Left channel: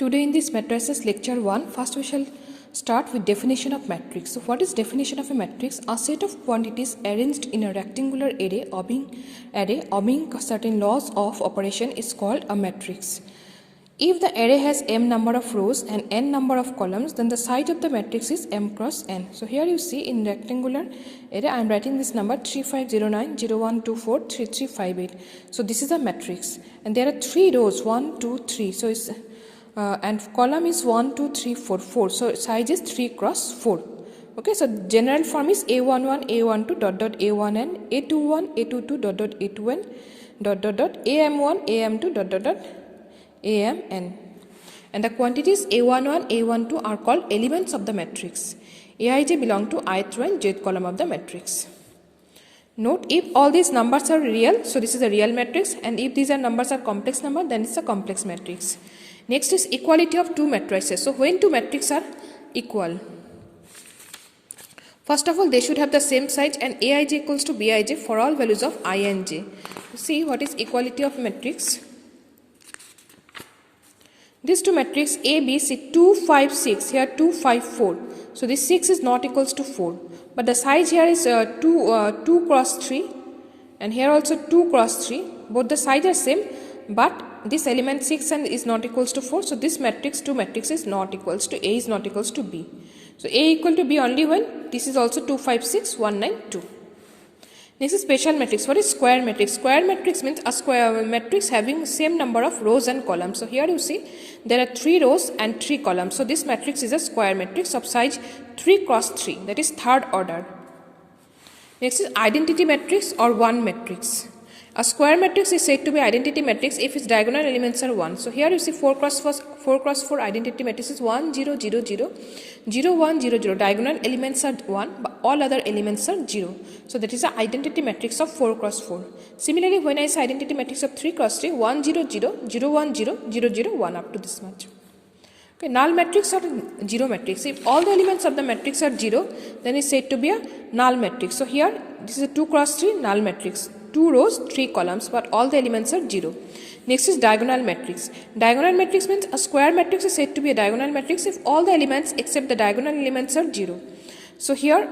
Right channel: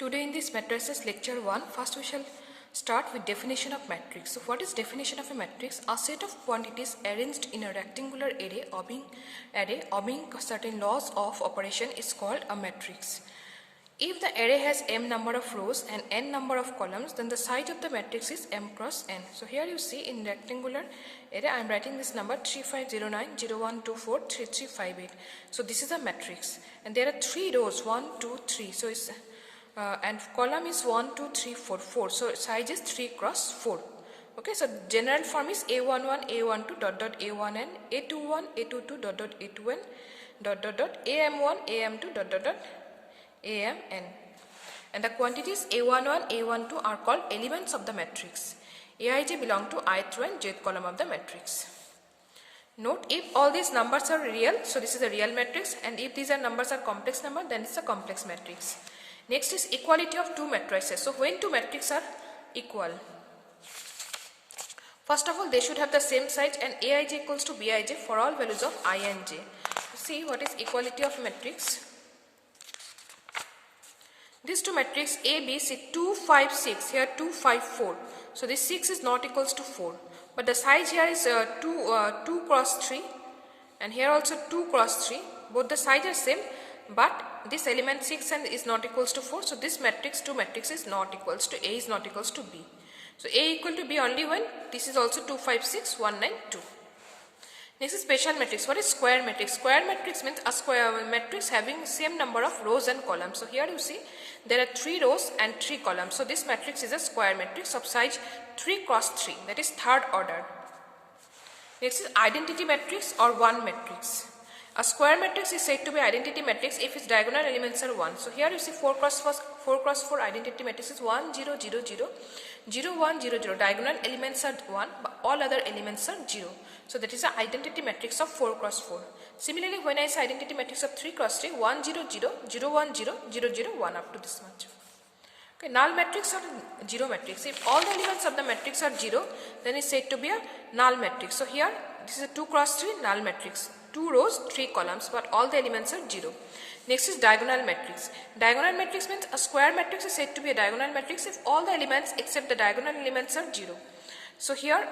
Today in this matrices lecture 1, first we shall start with definition of matrix. So what is definition of a matrix? A set of quantities arranged in a rectangular array obeying certain laws of operation is called a matrix. If the array has m number of rows and n number of columns, then the size of the matrix is m cross n. So here you see in rectangular array I am writing this number 3509 0124 3358. So this is a matrix and there are 3 rows 1 2 3. So it's and column is 1 2 3 4 4. So size is 3 cross 4. Okay, so general form is a11 a12 dot dot a1n a21 a22 dot dot a2n dot dot dot am1 am2 dot dot dot amn. And the quantities a11 a12 are called elements of the matrix. Aij belong to ith row and jth column of the matrix. Note, if all these numbers are real, so this is a real matrix, and if these are numbers are complex number, then it's a complex matrix. Next is equality of two matrices. So when two matrices are equal, first of all they should have the same size and Aij equals to Bij for all values of I and j. See what is equality of matrix. These two matrices A, B, C, 2, 5, 6, here 2, 5, 4. So this 6 is not equals to 4. But the size here is 2 cross 3 and here also 2 cross 3. Both the size are same, but this element 6 and is not equals to 4. So this matrix, two matrix is not equals to A is not equals to B. So A equal to B only when this is also 2, 5, 6, 1, 9, 2. Next is special matrix. What is square matrix? Square matrix means a square matrix having same number of rows and columns. So here you see there are 3 rows and 3 columns. So this matrix is a square matrix of size 3 cross 3, that is third order. Next is identity matrix or one matrix. A square matrix is said to be identity matrix if its diagonal elements are 1. So here you see 4 cross 4 identity matrix is 1 0 0 0 0 1 0 0. Diagonal elements are 1 but all other elements are 0. So that is the identity matrix of 4 cross 4. Similarly, when I say identity matrix of 3 cross 3, 1 0 0 0 1 0 0 0 1 up to this much. Okay, null matrix or zero matrix. If all the elements of the matrix are 0, then it is said to be a null matrix. So here this is a 2 cross 3 null matrix. 2 rows, 3 columns, but all the elements are 0. Next is diagonal matrix. Diagonal matrix means a square matrix is said to be a diagonal matrix if all the elements except the diagonal elements are 0. So here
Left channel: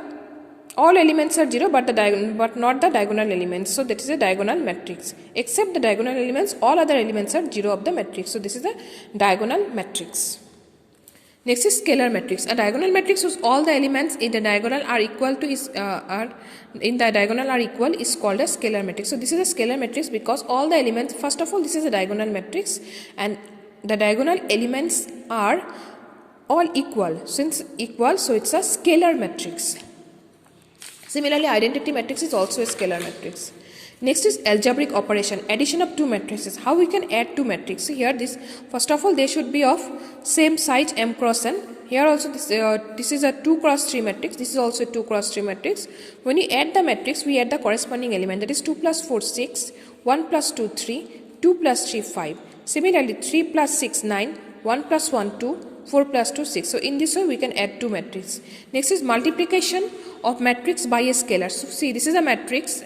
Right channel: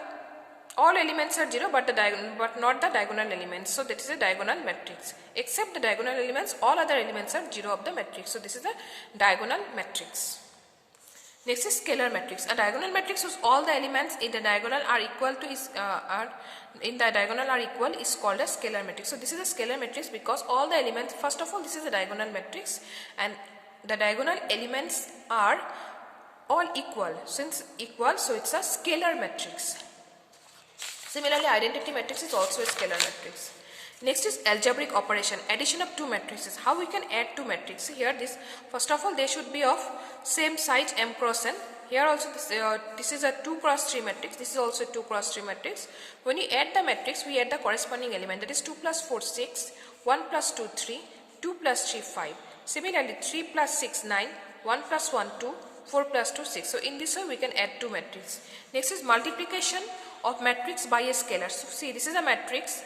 all elements are 0 but not the diagonal elements. So that is a diagonal matrix. Except the diagonal elements, all other elements are 0 of the matrix. So this is a diagonal matrix. Next is scalar matrix. A diagonal matrix whose all the elements in the diagonal are equal to is called a scalar matrix. So this is a scalar matrix because all the elements, first of all this is a diagonal matrix and the diagonal elements are all equal. Since equal, so it's a scalar matrix. Similarly, identity matrix is also a scalar matrix. Next is algebraic operation, addition of two matrices. How we can add two matrices? So here this, first of all they should be of same size m cross n. Here also this is a 2 cross 3 matrix, this is also a 2 cross 3 matrix. When you add the matrix, we add the corresponding element, that is 2 plus 4 6, 1 plus 2 3, 2 plus 3 5. Similarly 3 plus 6 9, 1 plus 1 2, 4 plus 2 6. So in this way we can add two matrices. Next is multiplication of matrix by a scalar. So see, this is a matrix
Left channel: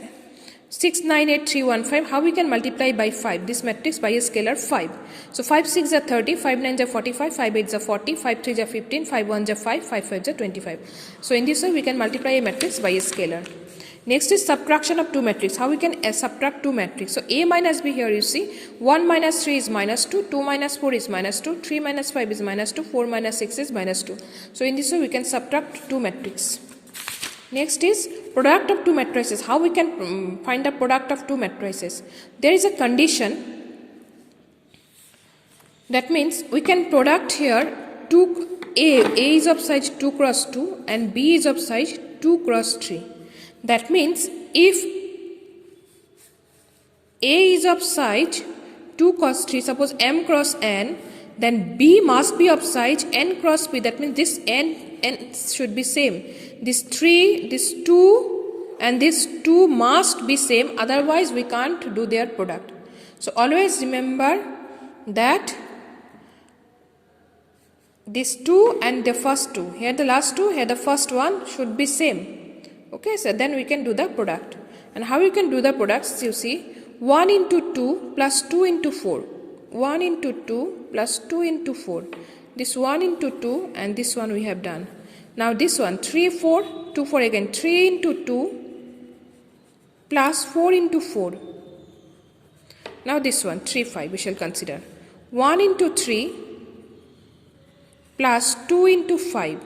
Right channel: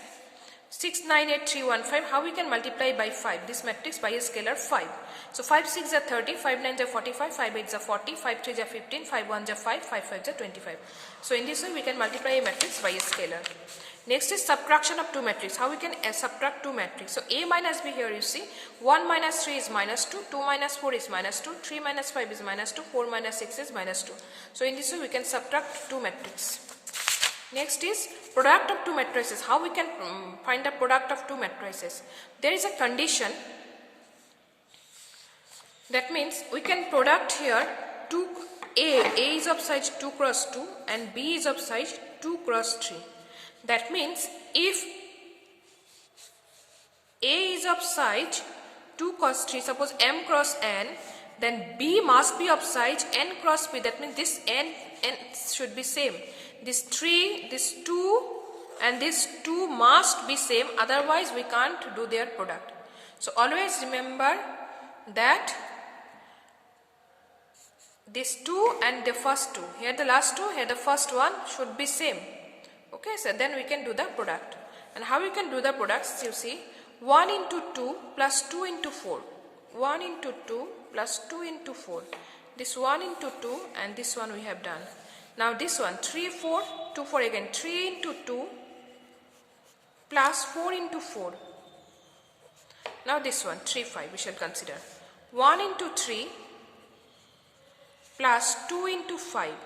6 9 8 3 1 5. How we can multiply by 5 this matrix by a scalar 5? So 5 6 are 30, 5 9 are 45, 5 8 are 40, 5 3 are 15, 5 1 are 5, 5 5 are 25. So in this way we can multiply a matrix by a scalar. Next is subtraction of two matrices. How we can subtract two matrices? So A minus B, here you see 1 minus 3 is minus 2, 2 minus 4 is minus 2, 3 minus 5 is minus 2, 4 minus 6 is minus 2. So in this way we can subtract two matrices. Next is product of two matrices. How we can find the product of two matrices? There is a condition. That means we can product here A is of size 2 cross 2 and B is of size 2 cross 3. That means if A is of size 2 cross 3, suppose m cross n, then B must be of size n cross B. That means this n should be same. This 3, this 2 and this 2 must be same, otherwise we can't do their product. So always remember that this 2 and the first 2, here the last 2, here the first one should be same. Okay, so then we can do the product. And how we can do the products? You see 1 into 2 plus 2 into 4. 1 into 2 plus 2 into 4. This 1 into 2 and this one we have done. Now this one 3, 4, 2, 4 again. 3 into 2 plus 4 into 4. Now this one 3, 5 we shall consider. 1 into 3 plus 2 into 5.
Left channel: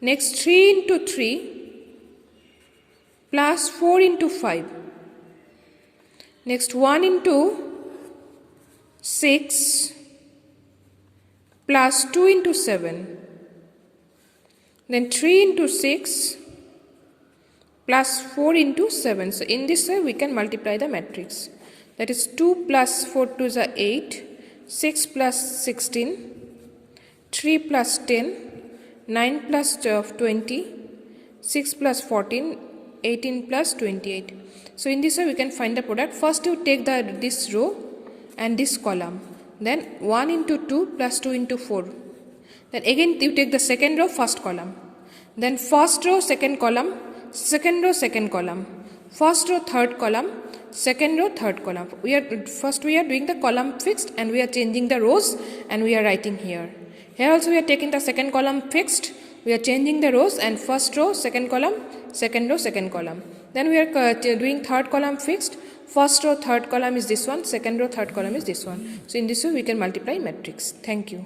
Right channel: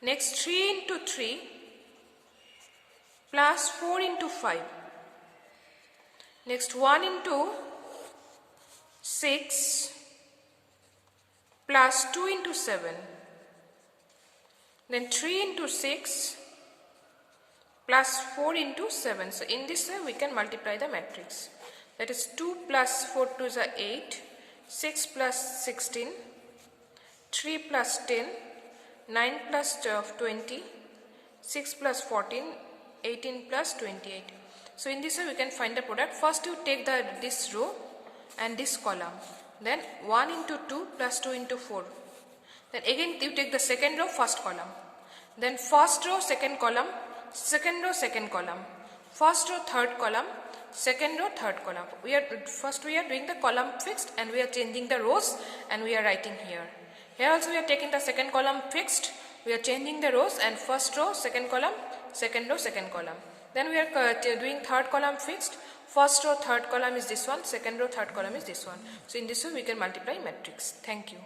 Next 3 into 3 plus 4 into 5. Next 1 into 6 plus 2 into 7. Then 3 into 6 plus 4 into 7. So in this way we can multiply the matrix. That is 2 plus 4 to is 8, 6 plus 16, 3 plus 10, 9 plus 12, 20, 6 plus 14, 18 plus 28. So in this way we can find the product. First you take this row and this column. Then 1 into 2 plus 2 into 4. Then again you take the second row, first column. Then first row, second column, second row, second column. First row, third column, second row, third column. First we are doing the column fixed and we are changing the rows and we are writing here. Here also we are taking the second column fixed. We are changing the rows and first row, second column, second row, second column. Then we are doing third column fixed. First row, third column is this one. Second row, third column is this one. So in this way we can multiply matrix. Thank you.